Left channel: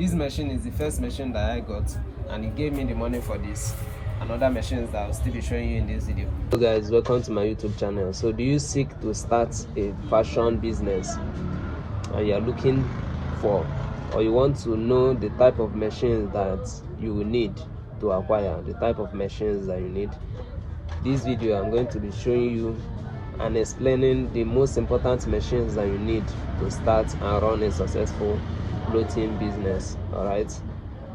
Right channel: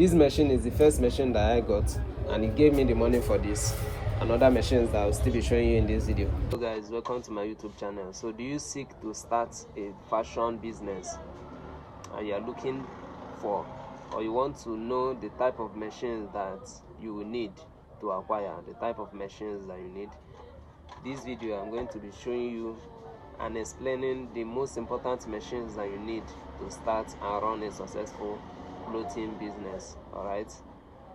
This machine is the first machine that I got, and it gave me the money for this and other machines that I'll still be showing you in this video. So guys, welcome to my YouTube channel. So do you seek to start a fashion business and you're looking for, or you want to know the type of machines that you will need to acquire, the type of machines that you need? This video I'm going to be showing you and explaining the most important machines that you need to start and run a successful clothing business. All right,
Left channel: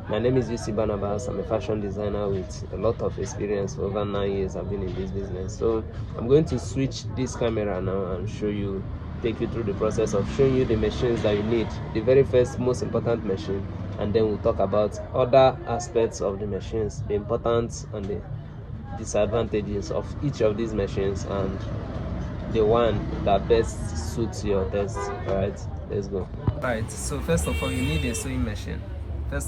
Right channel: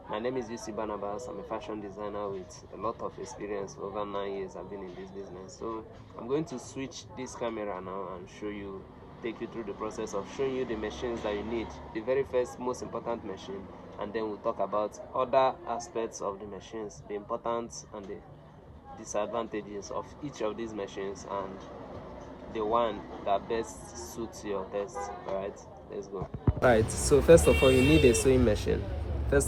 my name is UC Barnabas. I'm a fashion designer with a lot of experience. For over 9 years I've been in this business. So I'm going to switch this camera now and show you, take you through the process of showing you the machines that you need, the very first most important machine, and then we'll talk about other aspects of the machines, the importance and the disadvantages of each of these machines, and the one that best suits your taste. All right, let's go. Right, so first of all, you need a sewing machine. Now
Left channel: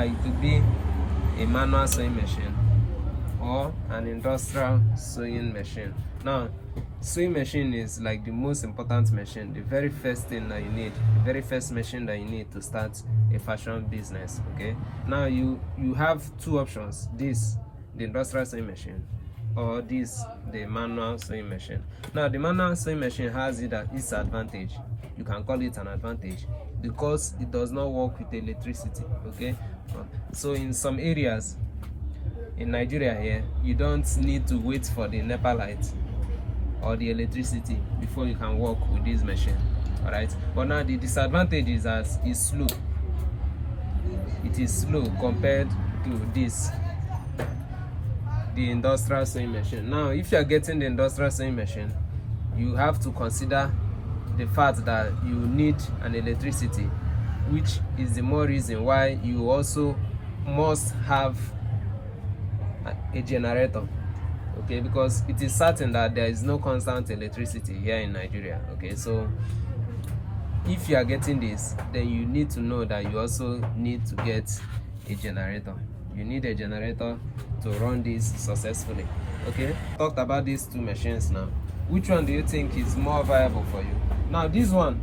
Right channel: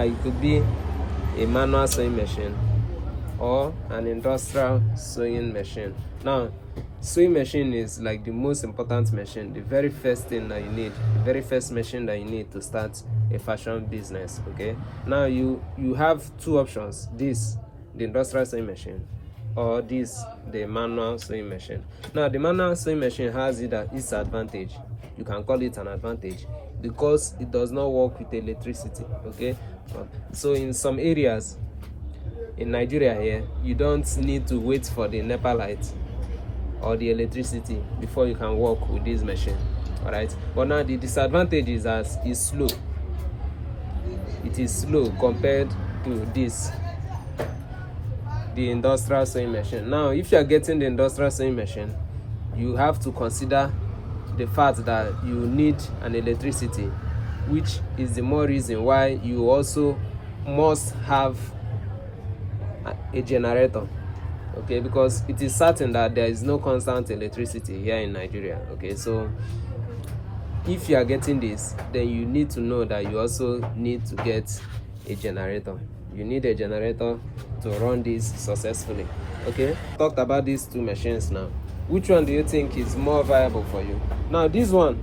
it could be a manual sewing machine or an industrial sewing machine. Now sewing machine is like the most important machine, the very first thing that you need, the very first machine that you need to start a fashion business. Okay, now you have two options: this, the industrial sewing machine, or this, the manual sewing machine. Now the manual sewing machine has its advantage. You can call it an advantage because it does not work with electricity. Okay, so in some areas in Nigeria here, you don't need to wait for the NEPA light or the electricity before you can work with this machine. All right, but now the disadvantage is as it's slow. It is slow compared to this, the industrial sewing machine. Now if you are getting the industrial sewing machine, you have to consider the fact that you need an electricity, which is the more reason why you also must have a generator. Okay, because it is certain that there is no constant electricity here in Nigeria. Okay, so if you are getting this, then you need to know that you also need to get a generator. You need a generator to run this successfully. Okay, talked about these two machines. Now which one do you think is more viable for you? Now this one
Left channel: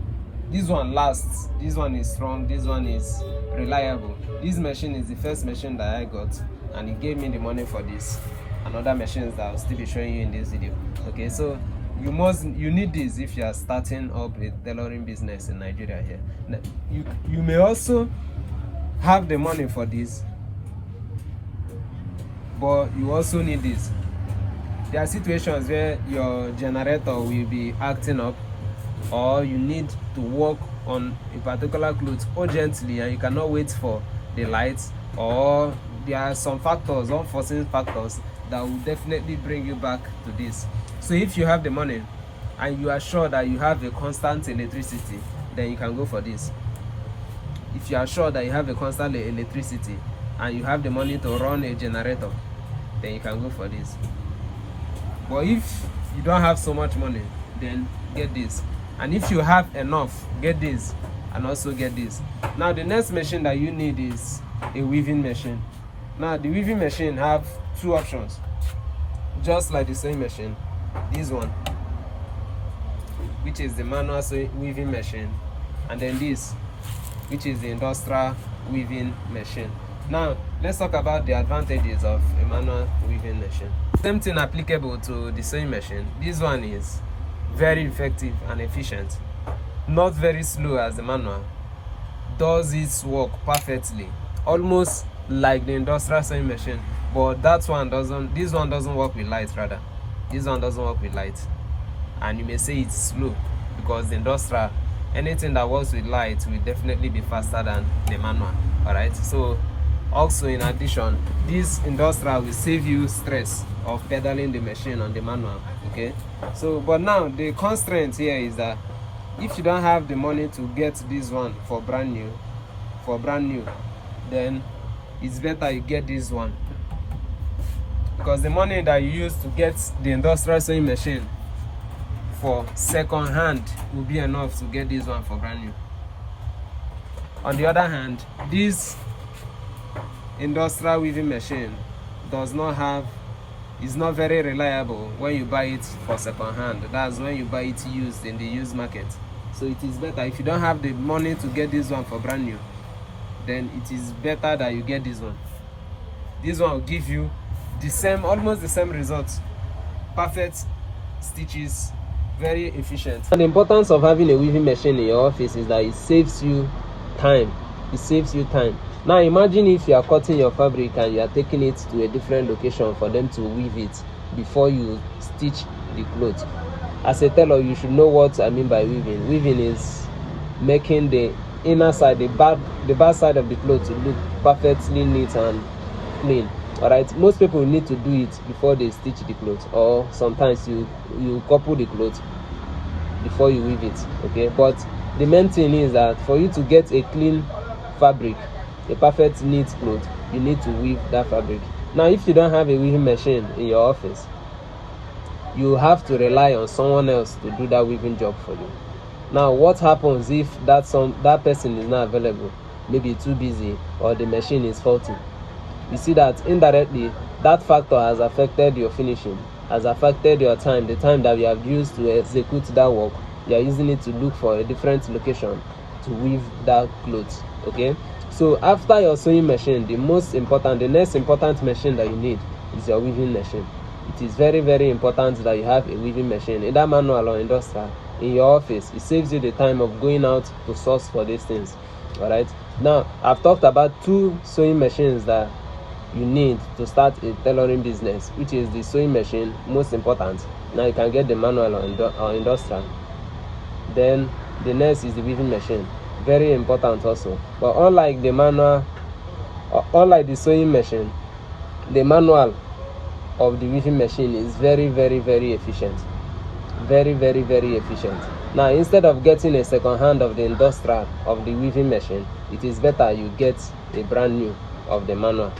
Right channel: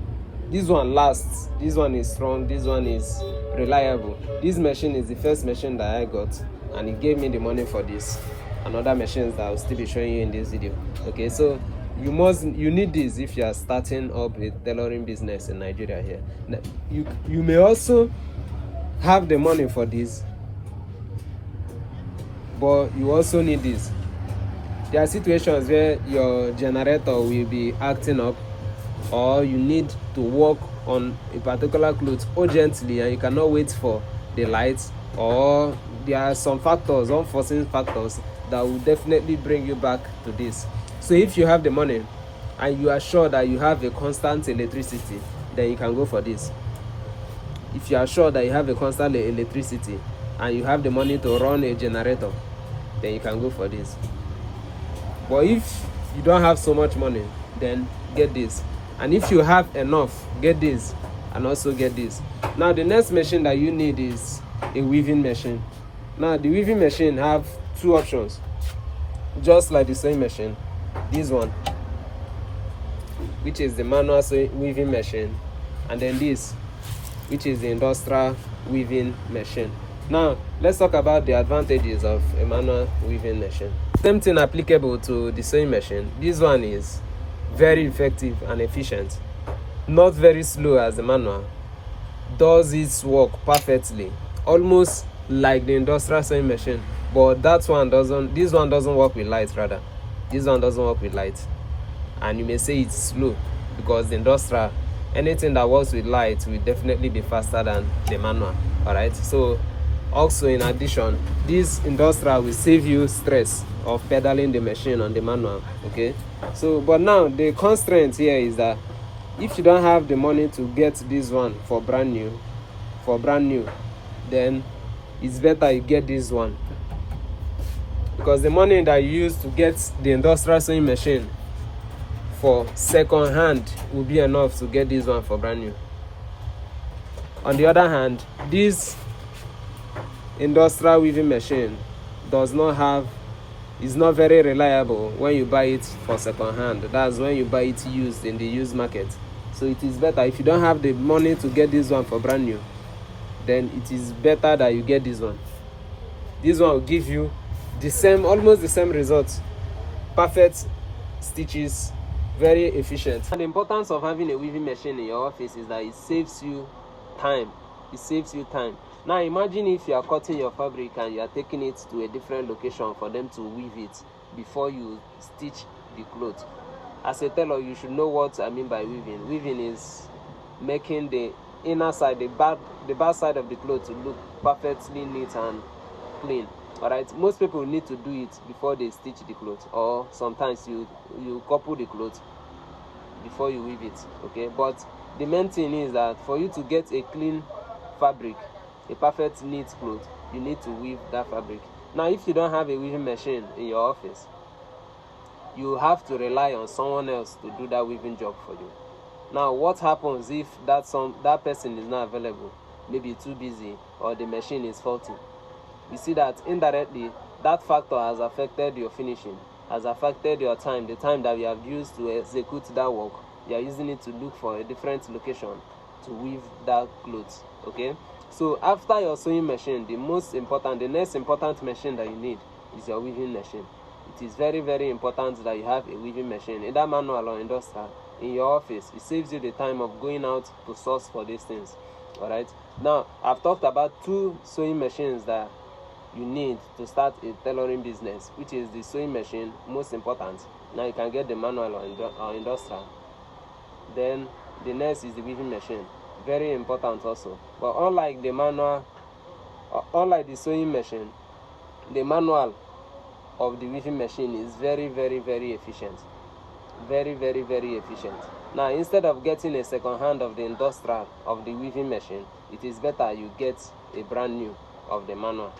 lasts, this one is strong, this one is reliable. This machine is the first machine that I got, and it gave me the money for this and other machines that I'll still be showing you in this video. Okay, so you need this if you are starting up a tailoring business in Nigeria here. Now, you may also have the money for this, but you also need this. There are situations where your generator will be acting up, or you need to work on a particular cloth urgently and you cannot wait for the lights, or there are some factors, unforeseen factors, that will definitely bring you back to this. So if you have the money and you are sure that you have a constant electricity, then you can go for this. If you are sure that you have a constant electricity and you have the money to run a generator, then you can go for this. But if you don't have so much money, then get this. And if you have enough, get this and also get this. Now the next machine that you need is a weaving machine. Now the weaving machine have two options, just like the sewing machine. This one, which is the manual weaving machine, and then this, which is the industrial weaving machine. Now let's talk about the advantages of a manual weaving machine. Same thing applicable to the sewing machine. This one is very effective and efficient, not very slow as the manual, does its work perfectly, almost like the industrial sewing machine. But this one doesn't work with light. Rather, this one doesn't work with light, and you may say it's slow because the industrial, anything that works with light will definitely be faster than the manual. All right, so also in addition, this industrial will save you stress of pedaling the machine on the manual. Okay, so but now the constraint here is that if you don't have the money to get this one for brand new, then it's better you get this one, because the money that you use to get the industrial sewing machine for second hand will be enough to get this one for brand new. On the other hand, this industrial weaving machine is not very reliable when you buy it for second hand. That's when you buy it used in the used market. So it is better if you don't have the money to get this one for brand new, then it is better that you get this one. This one will give you the same, almost the same results. Perfect stitches, very efficient. And the importance of having a weaving machine in your office is that it saves you time. It saves you time. Now imagine if you are cutting your fabric and you are taking it to a different location for them to weave it before you stitch the clothes. As a tailor, you should know what I mean by weaving. Weaving is making the inner side, the back side of the clothes to look perfectly neat and clean. All right, most people need to do it before they stitch the clothes, or sometimes you couple the clothes before you weave it. Okay, but the main thing is that for you to get a clean fabric, a perfect neat cloth, you need to weave that fabric. Now if you don't have a weaving machine in your office, you have to rely on someone else to do that weaving job for you. Now what happens if that person is not available, maybe too busy, or the machine is faulty? You see that indirectly that factor has affected your finishing, has affected your time, the time that you have used to execute that work. You are using it to look for a different location to weave that clothes. Okay, so after your sewing machine, the next important machine that you need is your weaving machine. It is very, very important that you have a weaving machine, either manual or industrial, in your office. It saves you the time of going out to source for these things. All right, now I've talked about 2 sewing machines that you need to start a tailoring business, which is the sewing machine, most important. Now you can get the manual or industrial. Then the next is the weaving machine, very important also. But unlike the manual, unlike the sewing machine, the manual of the weaving machine is very, very, very efficient. Very, very, very efficient. Now instead of getting a second hand of the industrial of the weaving machine, it is better you get a brand new of the manual.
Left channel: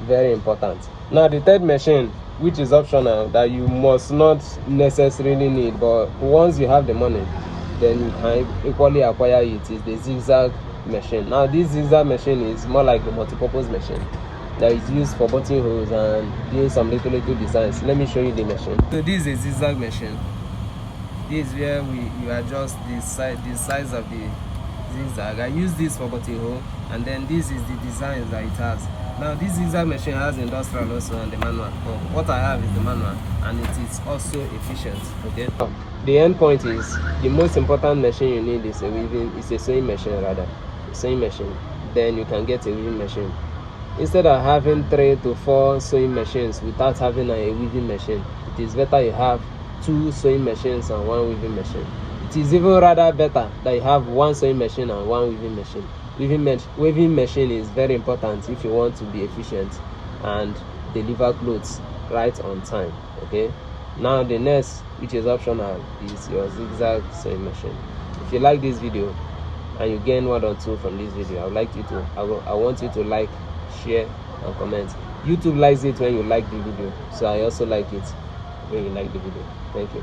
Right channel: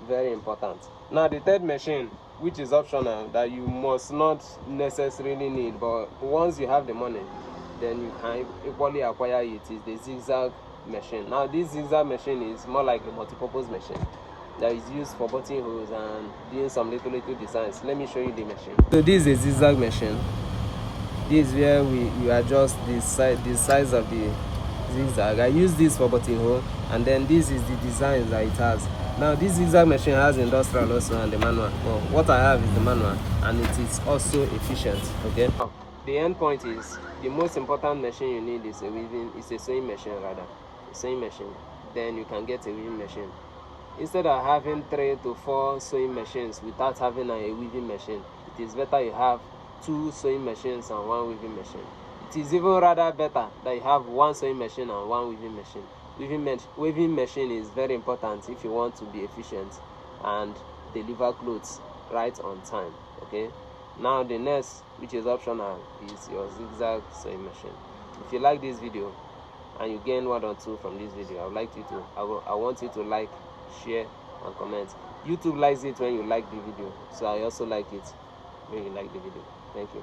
Very important. Now the third machine, which is optional, that you must not necessarily need, but once you have the money, then you can equally acquire it, is the zigzag machine. Now this zigzag machine is more like the multi-purpose machine that is used for buttonholes and doing some little designs. Let me show you the machine. So this is a zigzag machine. This is where you adjust the size of the zigzag. I use this for buttonhole, and then this is the design that it has. Now this zigzag machine has industrial also and the manual. Well, what I have is the manual, and it is also efficient. Okay. The end point is the most important machine you need is a sewing machine, rather. A sewing machine. Then you can get a weaving machine. Instead of having 3 to 4 sewing machines without having a weaving machine, it is better you have 2 sewing machines and 1 weaving machine. It is even rather better that you have 1 sewing machine and 1 weaving machine. Weaving machine is very important if you want to be efficient and deliver clothes right on time. Okay. Now the next, which is optional, is your zigzag sewing machine. If you like this video and you gain 1 or 2 from this video, I want you to like, share and comment. YouTube likes it when you like the video, so I also like it when you like the video. Thank you.